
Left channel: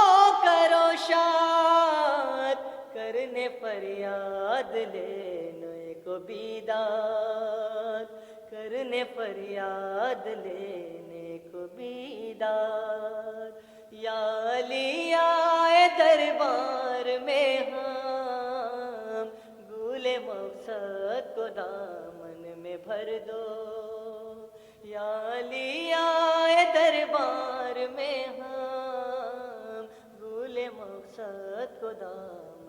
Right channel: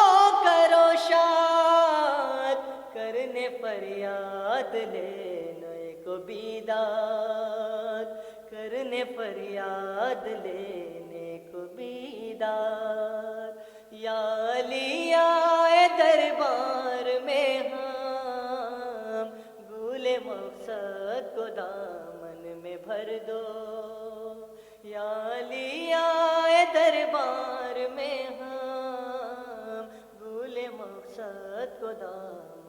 करो शाद। करने फरियाद लेने को बीदाद, करने फरियाद लेने को बीदार। या अली आए दरबार में हम, गूले मकसद को दामन में भर दो। या अली आए दरबार में हम भूले मकसद को दाम